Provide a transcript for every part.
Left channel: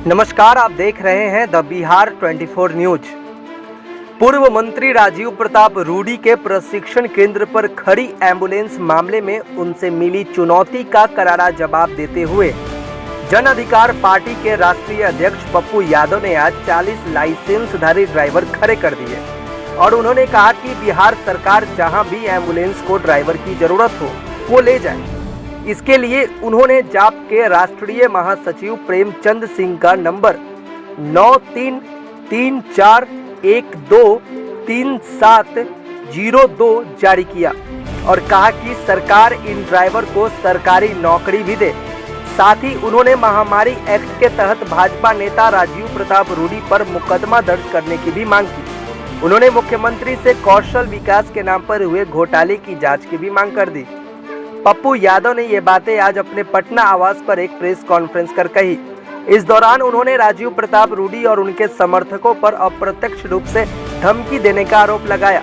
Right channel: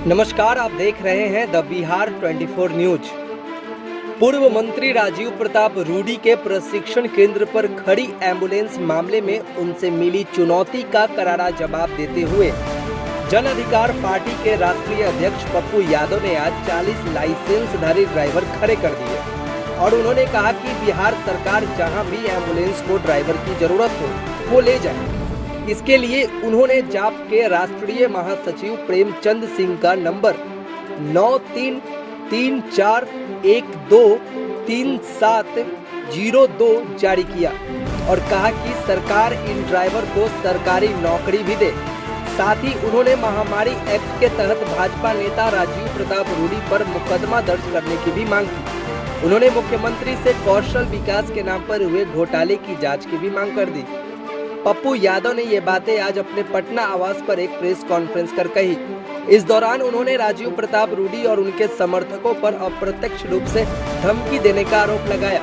नमस्कार, आप देख रहे हैं द बिहार 24 न्यूज। पूर्व मंत्री राजीव प्रताप रूडी के प्रशिक्षण केंद्र पर खड़ी एम्बुलेंस मामले में उनसे मिली चुनौती का करारा जवाब देते हुए जन अधिकार पार्टी के राष्ट्रीय अध्यक्ष पप्पू यादव ने आज 40 लाइसेंसधारी ड्राइवर खड़े कर दिए और उन्होंने कहा कि बिहार सरकार जहां भी एम्बुलेंस को ड्राइवर की जरूरत हो वो ले जाए। इसके लिए उन्होंने जाप के राष्ट्रीय महासचिव प्रेमचंद सिंह का नंबर 9334123702 जारी किया और कहा कि सरकार इन ड्राइवर को सरकारी नौकरी भी दे। साथ ही उन्होंने महामारी एक्ट के तहत भाजपा नेता राजीव प्रताप रूडी पर मुकदमा दर्ज करने की भी मांग की। उन्होंने मुख्यमंत्री से कौशल विकास के नाम पर हुए घोटाले की जांच की भी मांग कर दी। पप्पू यादव ने ये बातें आज अपने पटना आवास पर एक प्रेस कॉन्फ्रेंस कर कही। इस दौरान उन्होंने राजीव प्रताप रूडी और उनके समर्थकों पर अप्रत्यक्ष रूप से धमकी देने का आरोप लगाया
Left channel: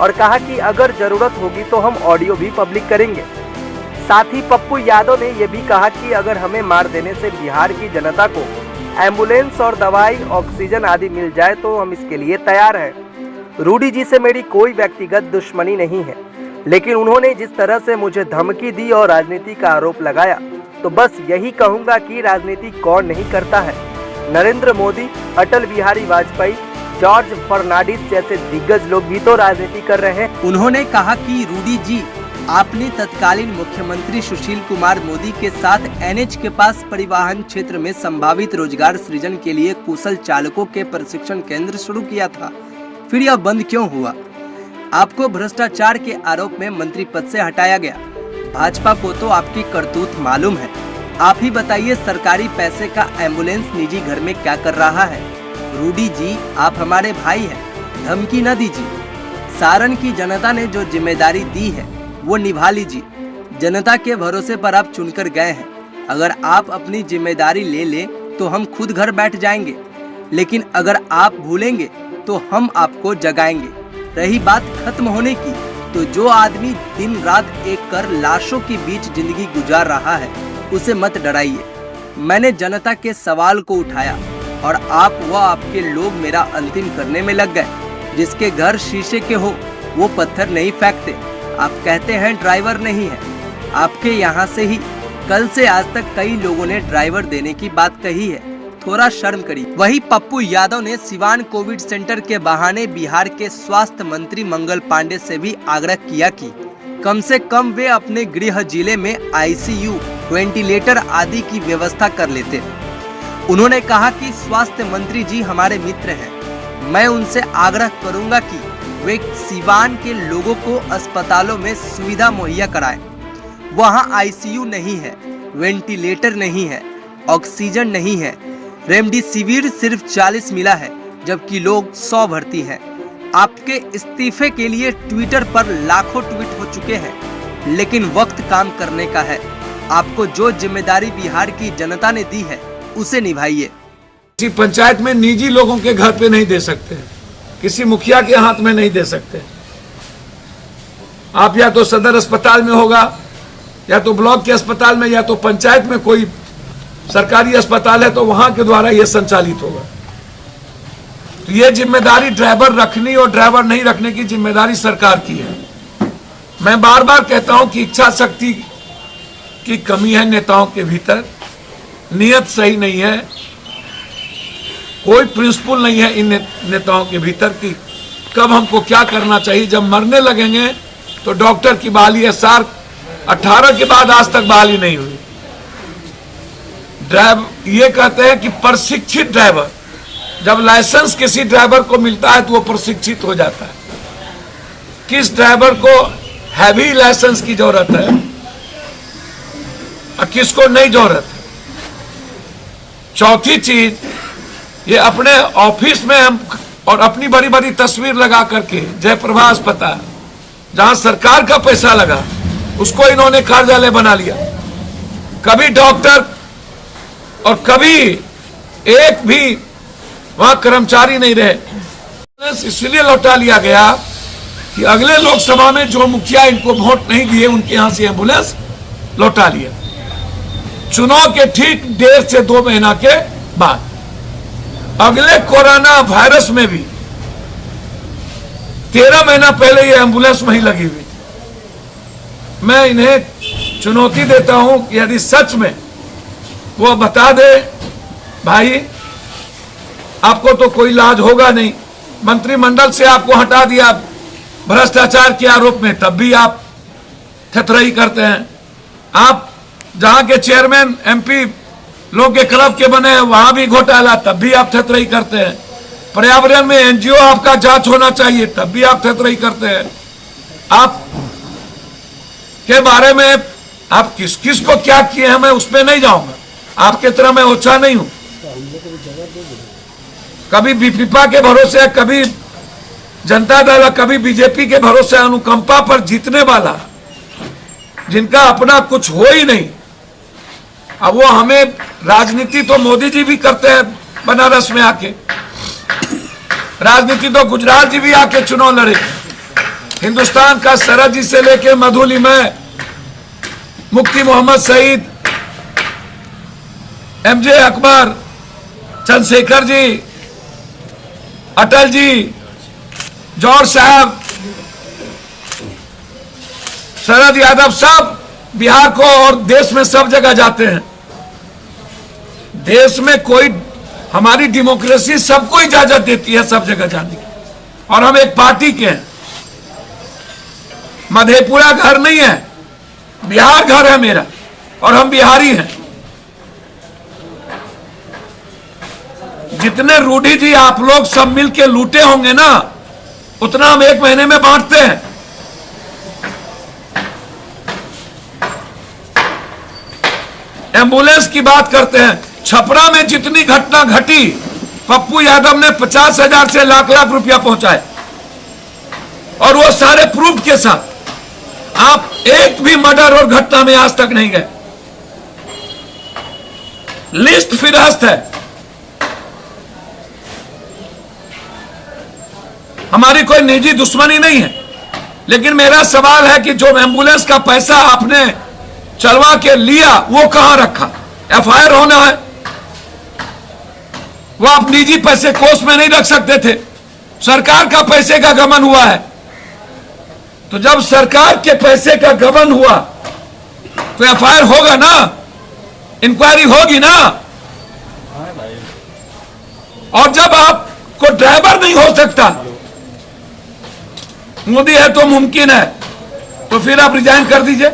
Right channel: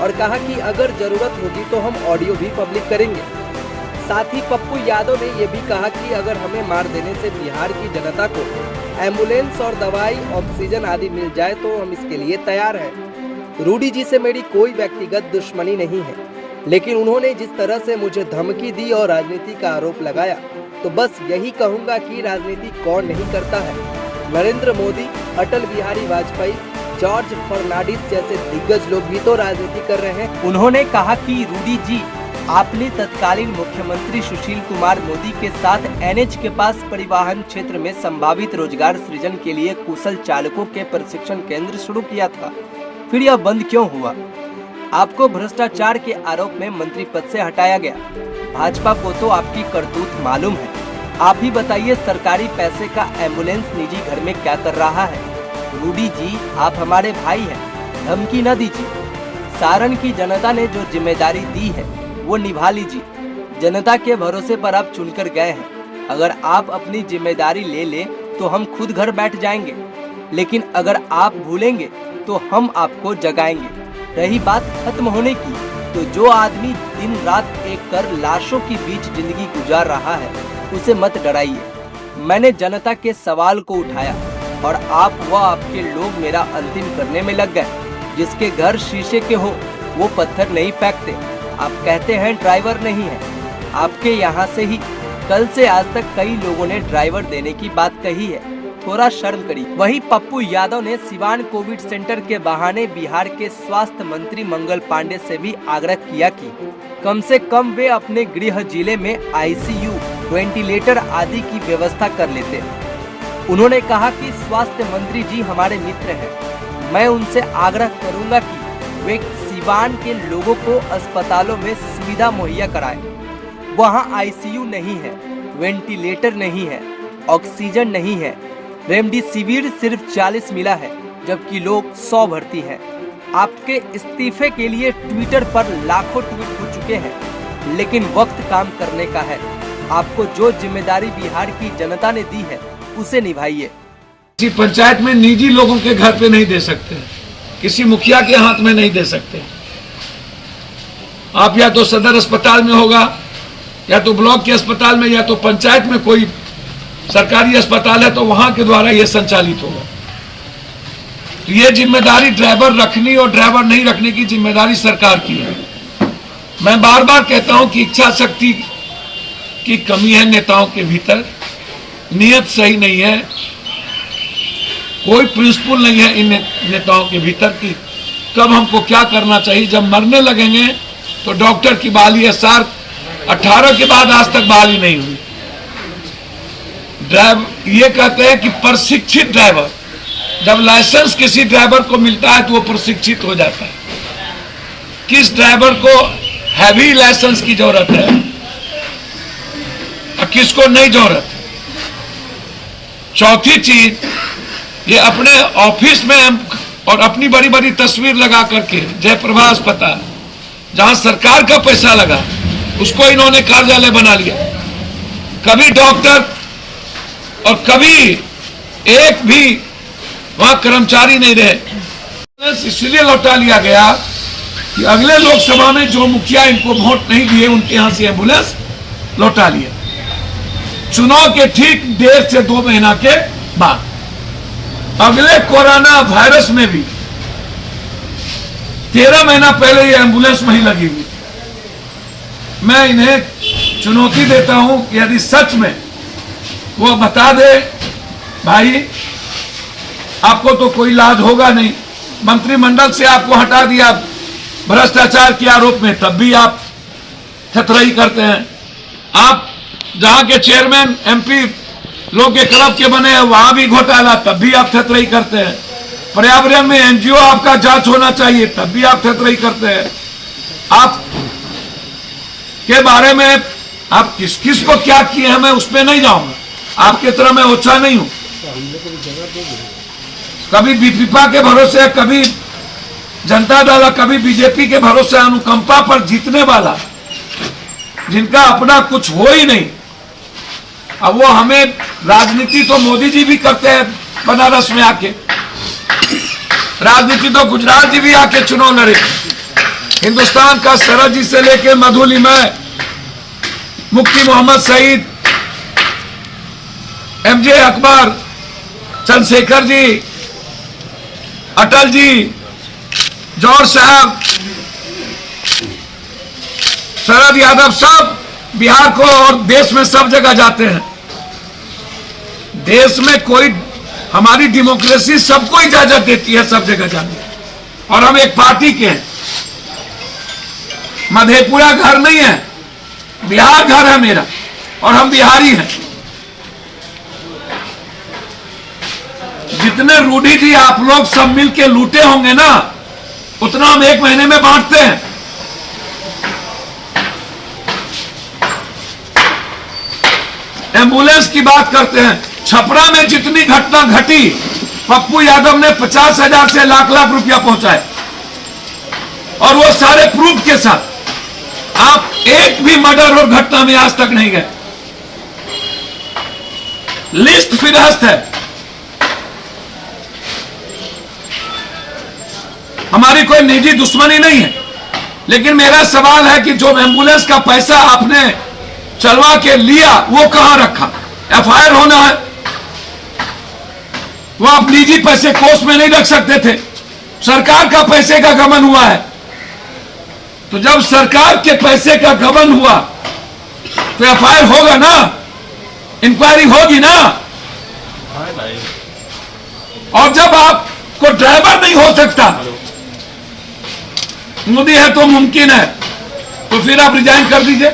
और कहा कि अगर जरूरत होगी तो हम ऑडियो भी पब्लिक करेंगे। साथ ही पप्पू यादव ने यह भी कहा कि अगर हमें मार देने से बिहार की जनता को एम्बुलेंस और दवाई, ऑक्सीजन आदि मिल जाए तो हम इसके लिए तैयार हैं। रूडी जी से मेरी कोई व्यक्तिगत दुश्मनी नहीं है, लेकिन उन्होंने जिस तरह से मुझे धमकी दी और राजनीति का आरोप लगाया तो बस यही कहूंगा कि राजनीति कौन नहीं करता है। नरेंद्र मोदी, अटल बिहारी वाजपेयी, जॉर्ज फर्नांडिस जैसे दिग्गज लोग भी तो राजनीति कर रहे हैं। उन्होंने कहा कि रूडी जी, आपने तत्कालीन मुख्यमंत्री सुशील कुमार मोदी के साथ एनएच के पास परिवहन क्षेत्र में संभावित रोजगार सृजन के लिए कुशल चालकों के प्रशिक्षण केंद्र शुरू किया था, फिर यह बंद क्यों हुआ? आपको भ्रष्टाचार के आरोप में मंत्री पद से हटाया गया। भाजपा को तो आपकी करतूत मालूम है। आप ही बताइए, सरकारी पैसे का एम्बुलेंस निजी घर में क्या कर रहा है? रूडी जी, आप हमारे भाई हैं, धमकी न दीजिए। सारण की जनता ने जो जिम्मेदारी दी है वो निभा लीजिए। जनता के भरोसे पर आप चुनकर गए हैं। अगर आप अपनी जिम्मेदारी ले लें तो हम खुद घर बैठ जाएंगे, लेकिन अगर आप भूलेंगे तो हम आपको जगाएंगे। रही बात खत्म होने की, तो जो आदमी दिन रात एक कर लाशों के बीच जिंदगी गुजार रहा है उसे मत डराइए। मैंने जनता के सवाल को उठाया और आप व आपके लोग मेरा अंतिम करने में लग गए। जिसके घर शीशे के हो वो पत्थर नहीं फेंकते। आप कहते हैं ड्राइवर नहीं है। आपके यहाँ से ही कल से आज तक कई लोगों ने ड्राइवर देने की बात कही है, थोड़ा शर्म करिए। वहीं पप्पू यादव ने सिवान कोविड सेंटर के बहाने बिहार के स्वास्थ्य मंत्री मंगल पांडे से भी आग्रह किया कि कम से कम वे अपने गृह जिले में आईसीयू, वेंटिलेटर आदि की व्यवस्था कर लेते। उन्होंने कहा कि स्वास्थ्य मंत्री जी हमारे मित्र हैं। मैं उनसे आग्रह करूंगा कि वे सिवान के लोगों को अस्पतालों में सुविधा मुहैया कराएं। वहां आईसीयू नहीं है, वेंटिलेटर नहीं है, ऑक्सीजन नहीं है, रेमडेसिविर सिर्फ 40 मिला है, जबकि लोग 100 भर्ती हैं। आपके इस्तीफे के लिए ट्विटर पर लाखों ट्वीट हो चुके हैं, लेकिन वक्त काम करने का है। आपको जो जिम्मेदारी बिहार की जनता ने दी है उसे निभाइए। किसी पंचायत में निजी लोगों के घर पे नहीं दे सकते, किसी मुखिया के हाथ में नहीं दे सकते। आप या तो सदर अस्पताल में होगा, या तो ब्लॉक के अस्पताल में, या तो पंचायत में कोई सरकारी अस्पताल है तो वहां के द्वारा यह संचालित होगा। ये जिम्मेदारी ड्राइवर रखनी और ड्राइवर नहीं रखने की जिम्मेदारी सरकार की है। मैं बार बार कहता हूं कि इच्छा शक्ति की कमी है नेताओं के भीतर, नियत सही नहीं है, कोई प्रिंसिपल नहीं है इन नेताओं के भीतर कि कब हमको क्या करना चाहिए। जब मरने लगेंगे तो डॉक्टर की बहाली है, साल 18 के बाद आज तक बहाली नहीं हुई। ड्राइवर ये कहते हैं कि प्रशिक्षित ड्राइवर, जब लाइसेंस किसी ड्राइवर को मिलता है तो वो प्रशिक्षित हो जाता है। किस ड्राइवर को हैवी लाइसेंस की जरूरत है और किसको नहीं जरूरत है। चौथी चीज, ये अपने ऑफिस में हम और अपनी बड़ी बड़ी तस्वीर लगा करके जयप्रभा अस्पताल, जहां सरकार का पैसा लगा, उसको इन्होंने कार्यालय बना लिया। कभी डॉक्टर और कभी एक भी वहां कर्मचारी नहीं रहे। इसलिए लौटा लिया गया कि अगले लोकसभा में जो मुखिया इनको वोट नहीं दिए उनके यहां से एम्बुलेंस लौटा लिया, चुनाव के ठीक 1.5 से 2 महीना के बाद। अगले कोरोना वायरस में भी 13 महीना पहले ये एम्बुलेंस वहीं लगी हुई थी। मैं इन्हें चुनौती देता हूं कि यदि सच में वो बता दे, भाई आपको तो कोई इलाज होगा नहीं, मंत्रिमंडल से आपको हटा दिया भ्रष्टाचार के आरोप में, तब भी आप थथराई करते हैं। आप जहां के चेयरमैन एमपी लोग के क्लब के बने हैं वहां भी घोटाला, तब भी आप थथराई करते हैं। पर्यावरण में एनजीओ आपका जांच होना चाहिए, तब भी आप थथराई करते हैं। आप के बारे में आप किस किस को क्या किए हैं मैं उस पर नहीं जाऊंगा, आपकी तरह मैं ओछा नहीं हूं। कभी बीपीपा के भरोसे, कभी जनता दल, कभी बीजेपी के भरोसे अनुकंपा पर जीतने वाला, जिनका अपना कुछ हो ही नहीं। अब वो हमें राजनीति तो मोदी जी भी करते हैं बनारस में आके, राजनीति तो गुजरात जी भी आके चुनाव लड़े। हिंदुस्तान का सरहद जी से लेके मधुलिमय, मुफ्ती मोहम्मद सईद, एमजे अकबर, चंद्रशेखर जी, अटल जी, जौहर साहब, शरद यादव, सब बिहार को और देश में सब जगह जाते हैं। देश में कोई, हमारी डेमोक्रेसी सबको इजाजत देती है सब जगह जाने, और हम एक पार्टी के हैं। मधेपुरा घर नहीं है, बिहार घर है मेरा, और हम बिहारी हैं। जितने रूढ़ी जी आप लोग सब मिलके लूटे होंगे ना, उतना हम एक महीने में बांटते हैं। एम्बुलेंस की बात करते हैं, छपरा में जितनी घटना घटी, पप्पू यादव ने 50,000 से लाख लाख रुपया पहुंचाए, और वो सारे प्रूफ के साथ। आप एक भी मर्डर और घटना में आज तक नहीं गए, लिस्ट फिरहस्त है। हमारी कोई निजी दुश्मनी नहीं है, लेकिन मेरा सवाल है कि जो एम्बुलेंस का पैसा आपने चलवा के लिया वो कहां रखा? एफआईआर होना है, वो आप निजी पैसे कोष में नहीं रख सकते थे, सरकार का पैसे का गबन हुआ है। तो जब सरकार के पैसे का गबन हुआ तो एफआईआर होगा ना, इंक्वायरी होगी ना। और जब आपको ड्राइवर नहीं हो सकता, मोदी है तो मुमकिन है, तो फिर आप रिजाइन कर दीजिए।